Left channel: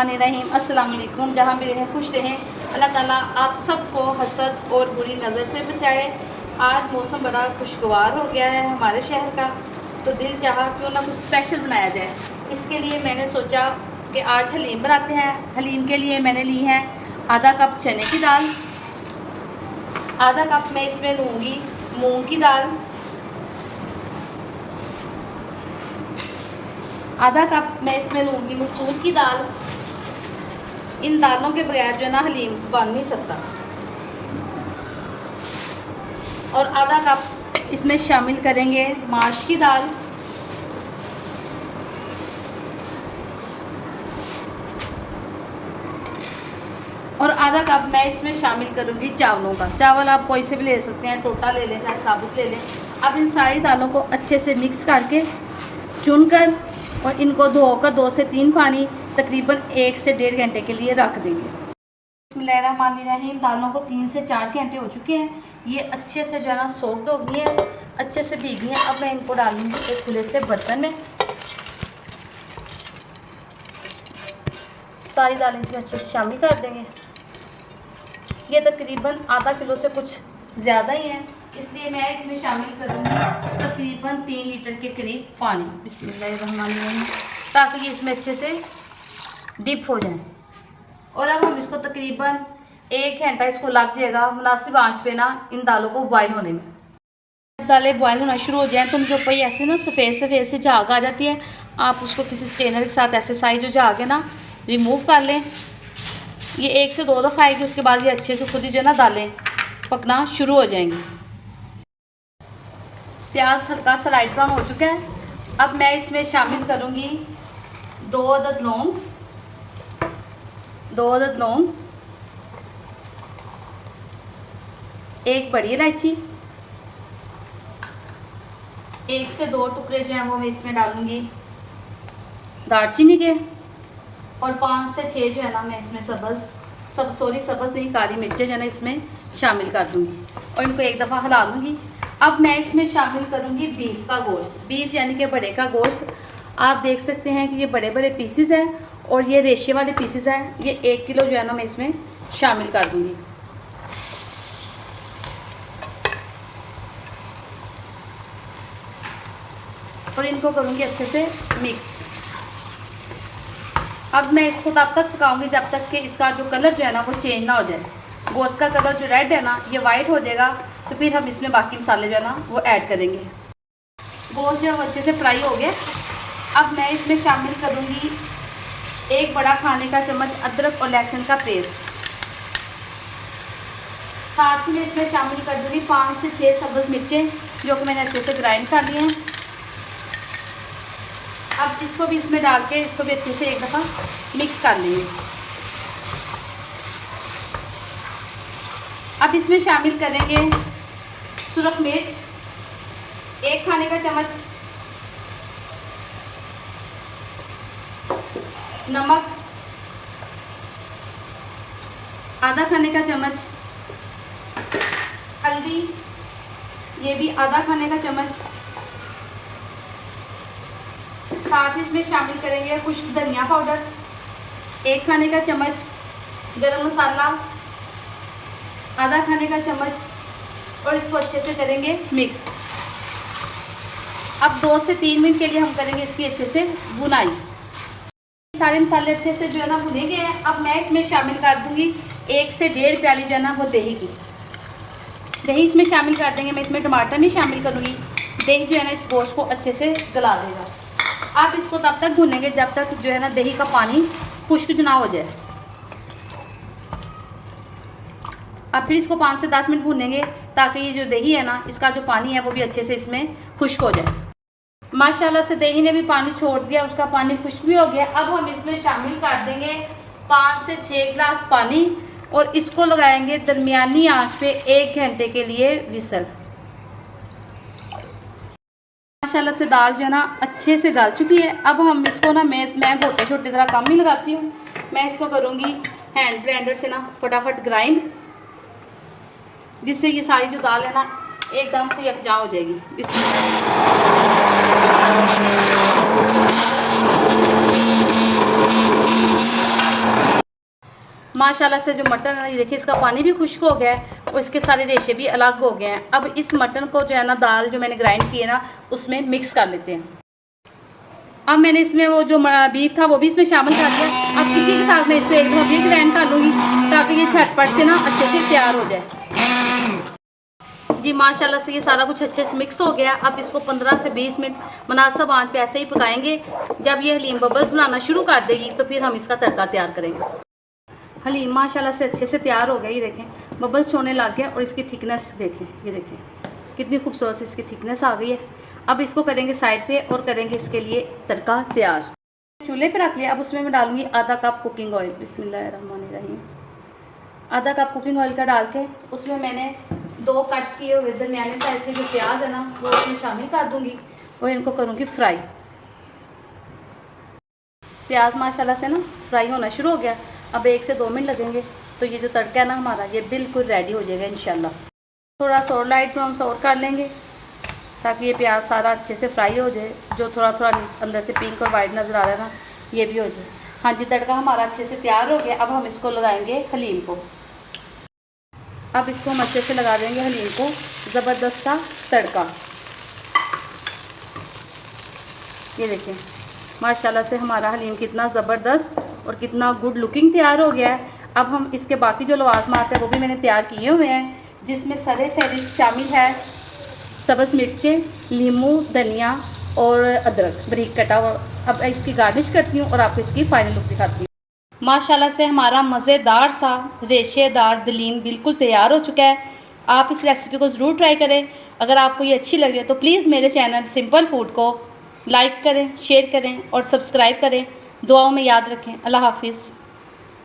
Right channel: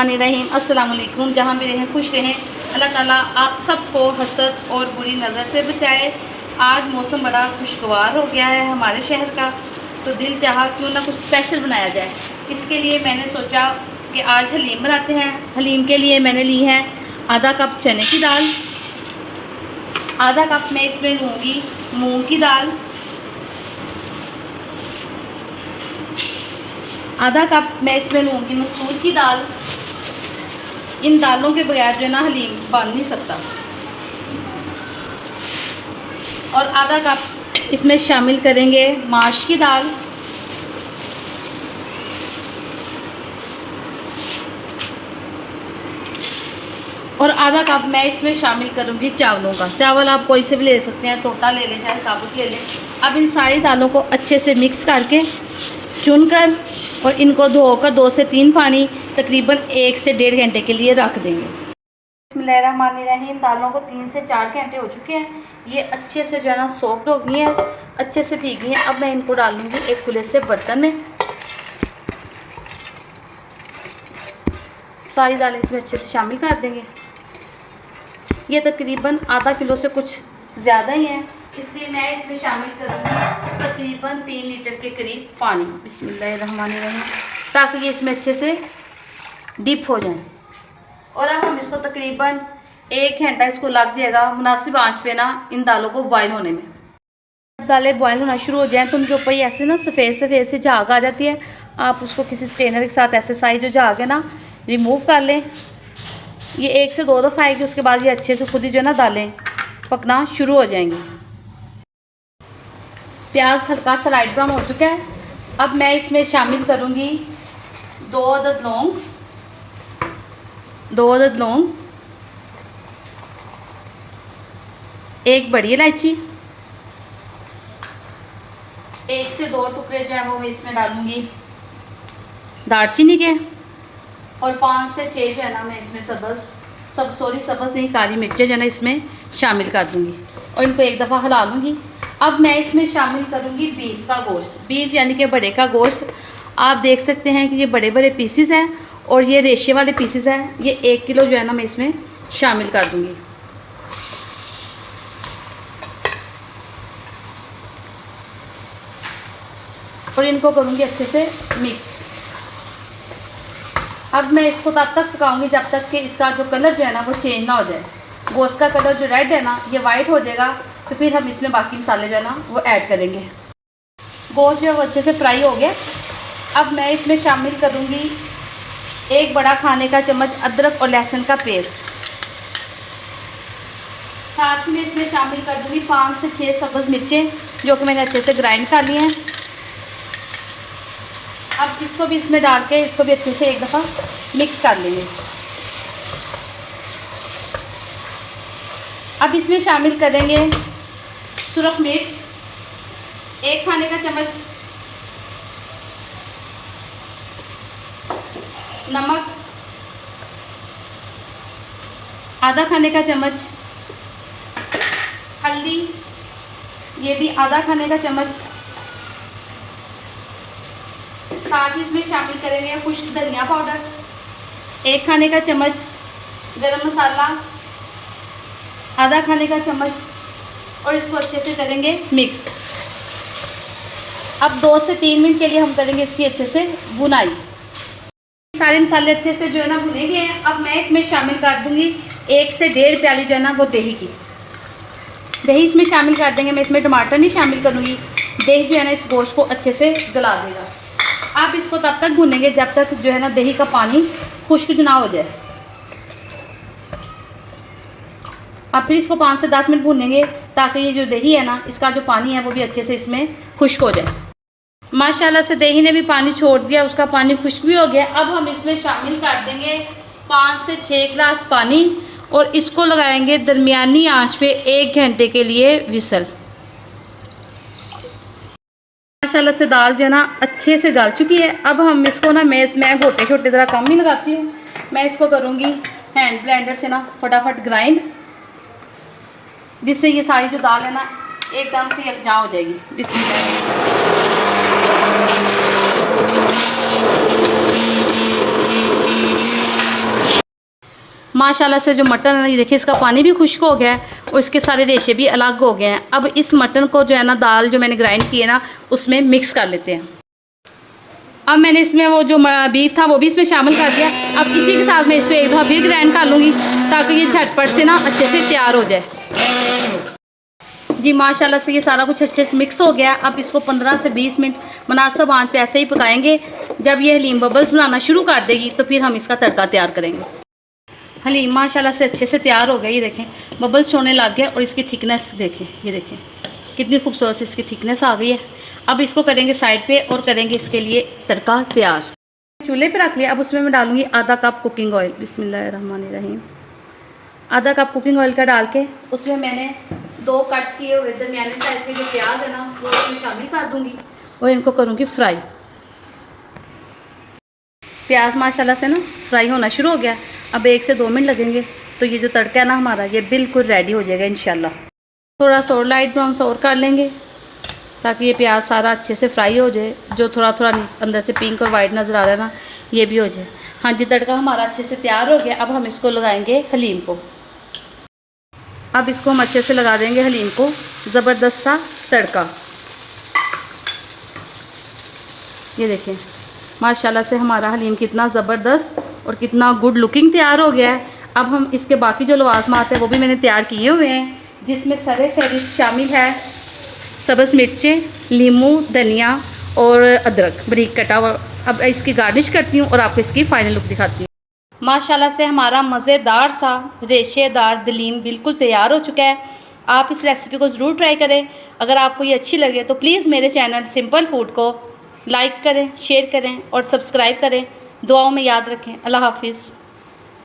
बिस्मिल्लाहिर्रहमानिर्रहीम। अस्सलाम वालेकुम। जहाँ भी रहें खुश रहें। अल्लाह ताला आप सबको हसद और बुरी नज़र से बचाए। आज मौसम बड़ा खुशगवार हो गया है हमारे शहर का, तो दिल चाहा क्यों ना कुछ स्पेशल बनाया जाए। इसके लिए मैंने सोचा कि आज हलीम बनाते हैं। हलीम के लिए मैंने ली है आधा कप चने की दाल, आधा कप मैं इसमें लूँगी मूंग की दाल, आधा कप मैं इसमें लूँगी मसूर की दाल। इन दालों के बगैर जो है ना हलीम बन नहीं सकता। और आधा कप इसमें शामिल करेंगे माश की दाल, और आधा कप मैं इसमें शामिल करूँगी चावलों का। चावल आप कोई से भी ले सकते हैं, टोटा ले लें चाहे साबुत ले लें। अब इन सारी दालों को अच्छे से मिक्स करके चुनकर और इनको धोकर 2 से 3 पानी तकरीबन 1 से 1.5 घंटे के लिए रख देंगे। बिस्मिल्लाहिर्रहमानिर्रहीम। दालों को 3 से 4 घंटे हो चुके हैं। ये अच्छे से जो है ना सॉफ्ट हो गई हैं, अच्छे से भीगी हैं। अब मैं इनको डालूंगी एक खुले से बर्तन में। सारी दालें इसमें अच्छे से शामिल कर देंगे। ये तकरीबन आधा किलो से कुछ ज़्यादा ही है, इसलिए मैं इसमें शामिल करूँगी तकरीबन 3 लीटर के करीब पानी। बिस्मिल्लाहिर्रहमानिर्रहीम, ताकि ये इसमें अच्छे से डिप हो जाए। और अब हम इसको तकरीबन 1 घंटा इसको लग जाएगा मुनासिब आंच पे ना इन दालों को बॉयल होने में। जब दालें बॉयल होना शुरू हो जाएं तो उनके ऊपर ही ऐसे ना सफ़ेद सफ़ेद से झाग आ जाती है। आप उसको किसी स्ट्रेनर के साथ ऐसे साइज जो झाग है ना रिमूव कर लें। ये 1 से 2 दफ़ा आएगी, उसके बाद ये अच्छे से खुद ही जो है ना दालें पकना शुरू हो जाएंगी। प्याज हल्का सा लाइट ब्राउन हो चुका है। अब मैं इसमें शामिल करूँगी 2 अदद लौंग, 2 अदद लौंग, 1 बड़ी इलायची, 1 से 2 टुकड़े जो हैं वो मैं इसमें डालूँगी दालचीनी के, और 5 से 6 जो है ना मैं इसमें सब्ज़ नहीं काली मिर्चें जो है ना इसमें शामिल कर दूँगी और इनको एक दफ़ा हिला लूँगी। अब मैं इसमें शामिल करूँगी बीफ का गोश्त, बीफ यानी कि बड़े का गोश्त। आप देख सकते हैं कि ये बड़े बड़े पीसीस हैं और ये रेशे वाले पीसीस हैं। ये 1 किलो जो है ना मैं इसमें शामिल कर दूँगी। और इनको करूँगी अच्छे से मिक्स। अब मैं इसको तब तक पकाऊंगी जब तक कि इसका जो कलर जो है ना वो चेंज ना हो जाए। गोश्त का कलर जो रेड है ना ये वाइट हो जाएगा, तो फिर हम इसमें बाकी मसाले जो है ना वो ऐड करेंगे। गोश्त जो है वो अच्छे से फ्राई हो गया। अब मैं इसमें शामिल करूँगी 1 बड़ा खाने का चम्मच अदरक और लहसुन का पेस्ट। साथ में इसमें शामिल कर दूँगी 5 से 6 सब्ज़ मिर्चें जो कि मैंने अच्छे से ग्राइंड कर ली हैं। अब इसको भी इसमें डाल के इसको भी अच्छे से एक दफ़ा मिक्स कर लेंगे। अब इसमें शामिल करेंगे सुरख मिर्च 1 खाने का चम्मच, नमक आधा खाने का चम्मच, हल्दी ये भी आधा खाने का चम्मच। साथ ही इसमें शामिल करेंगे खुश्क धनिया पाउडर 1 खाने का चम्मच, गरम मसाला आधा खाने का चम्मच, और इसको अच्छे से करेंगे मिक्स। अब 2 से 3 मिनट के लिए हम करेंगे इसकी अच्छे से भुनाई। सारे मसाले अच्छे से जो है ना भुने गए हैं। अब मैं इसमें शामिल कर दूंगी 1 से 1.5 प्याली जो है ना वो दही की। दही इसमें शामिल कर देंगे। मैं इसमें टमाटर नहीं शामिल करूँगी। दही जो है ना इस गोश्त को अच्छे से गला देगा। आप इसको तब तक भूनेंगे जब तक जो है ना दही का पानी खुश्क ना हो जाए। अब फिर इसको 5 से 10 मिनट भूनेंगे ताकि ये जो दही है ना इसका जो पानी है वो भी अच्छे से इसमें खुश्क हो जाए। माशाल्लाह से दही ने भी पानी छोड़ दिया, उसका पानी खुश्क भी हो गया। अब हम इसमें शामिल कर देंगे 5 से 6 गिलास पानी और इसको लगाएंगे दरमियानी आंच पे 1 घंटे के लिए विसल। माशाल्लाह से दाल जो है ना अच्छे से गल चुकी है। अब हम इसको ना मैं गोटे छोटे ज़रा कम ही लगाती हूँ। मैं इसको करूँगी हैंड ब्लेंडर से ना फटाफट ग्राइंड, जिससे ये सारी जो दाल है ना एकदम से यकजा हो जाएगी। माशाल्लाह से जो मटन है, ये देखिए इसका पानी भी खुश्क हो गया है और इसके सारे रेशे भी अलग हो गए हैं। अब इस मटन को जो है ना, दाल जो मैंने ग्राइंड की है ना, उसमें मिक्स कर लेते हैं। अब मैंने इसमें वो जो बीफ था वो भी इसमें शामिल कर दिया। अब इसी के साथ मैं इसको एक दफ़ा फिर ग्राइंड कर लूँगी ताकि ये झटपट से ना अच्छे से तैयार हो जाए। जी माशाल्लाह से ये सारा कुछ अच्छे से मिक्स हो गया। अब इसको 15 से 20 मिनट मुनासिब आंच पे ऐसे ही पकाएंगे। जब ये हलीम बबल्स बनाना शुरू कर देगी तो फिर हम इसका तड़का तैयार करेंगे। हलीम माशाल्लाह से अच्छे से तैयार हो गया। ये देखें बबल्स होने लग गए और इसकी थिकनेस देखें, ये देखें कितनी खूबसूरत से इसकी थिकनेस आ गई है। अब इसको करेंगे साइड पे और करेंगे इसके लिए तड़का तैयार। चूल्हे पे रख लिया। अब उसमें मैं डालूंगी आधा कप कुकिंग ऑयल। बिस्मिल्लाहिर्रहमानिर्रहीम। आधा कप कुकिंग ऑयल का डाल के उसमें मैंने 2 कट किए हुए दरमियानी साइज़ के जो प्याज है ना, वो उसमें शामिल कर दूंगी और इनको करूँगी फ्राई। प्याज माशाल्लाह से ना फ्राई होना शुरू हो गया। अब 1 से 2 मिनट लगेंगे तो ये जो तड़का है ना हमारा, ये बिल्कुल रेडी हो जाएगा इंशाल्लाह। थोड़ा सा और लाइट ब्राउन सा और कर लेंगे ताकि ये प्याज सारा अच्छे से फ्राई हो जाए। जो थोड़ा थोड़ा अंदर से पिंक और वाइट नज़र आ रहा है ना, ये भी हो जाए। हाँ जी, तड़का हमारा अच्छे से तैयार हो गया। अब हम इसको लगाएंगे हलीम को। अब इसको हम अच्छे से लगा देंगे हलीम को, ज़बरदस्त सा तड़का। ये देखें माशाल्लाह से हमारा हलीम कितना ज़बरदस्त और कितना गुड लुकिंग तैयार हो गया है। अब हम इसके बाकी जो लवाज़मात है वो भी मैंने तैयार किए हुए हैं, जिसमें सरे फहरिस्त शामिल है सब्ज़ मिर्चें, लीमू, धनिया और अदरक बारीक कटा हुआ। अब इसकी गार्निश करती हूँ और आपको इसकी फ़ाइनल लुक दिखाती हूँ। माशाल्लाह से हमारा मज़ेदार सा रेशेदार दलीम बिल्कुल तैयार हो चुका है। आप इस रेसिपी को ज़रूर ट्राई करें। अगर आपको ये अच्छी लगे तो प्लीज़ मेरे चैनल सिंपल फूड को लाइक करें, शेयर करें और सब्सक्राइब करें। दुआओं में याद रखें। अल्लाह हाफिज़।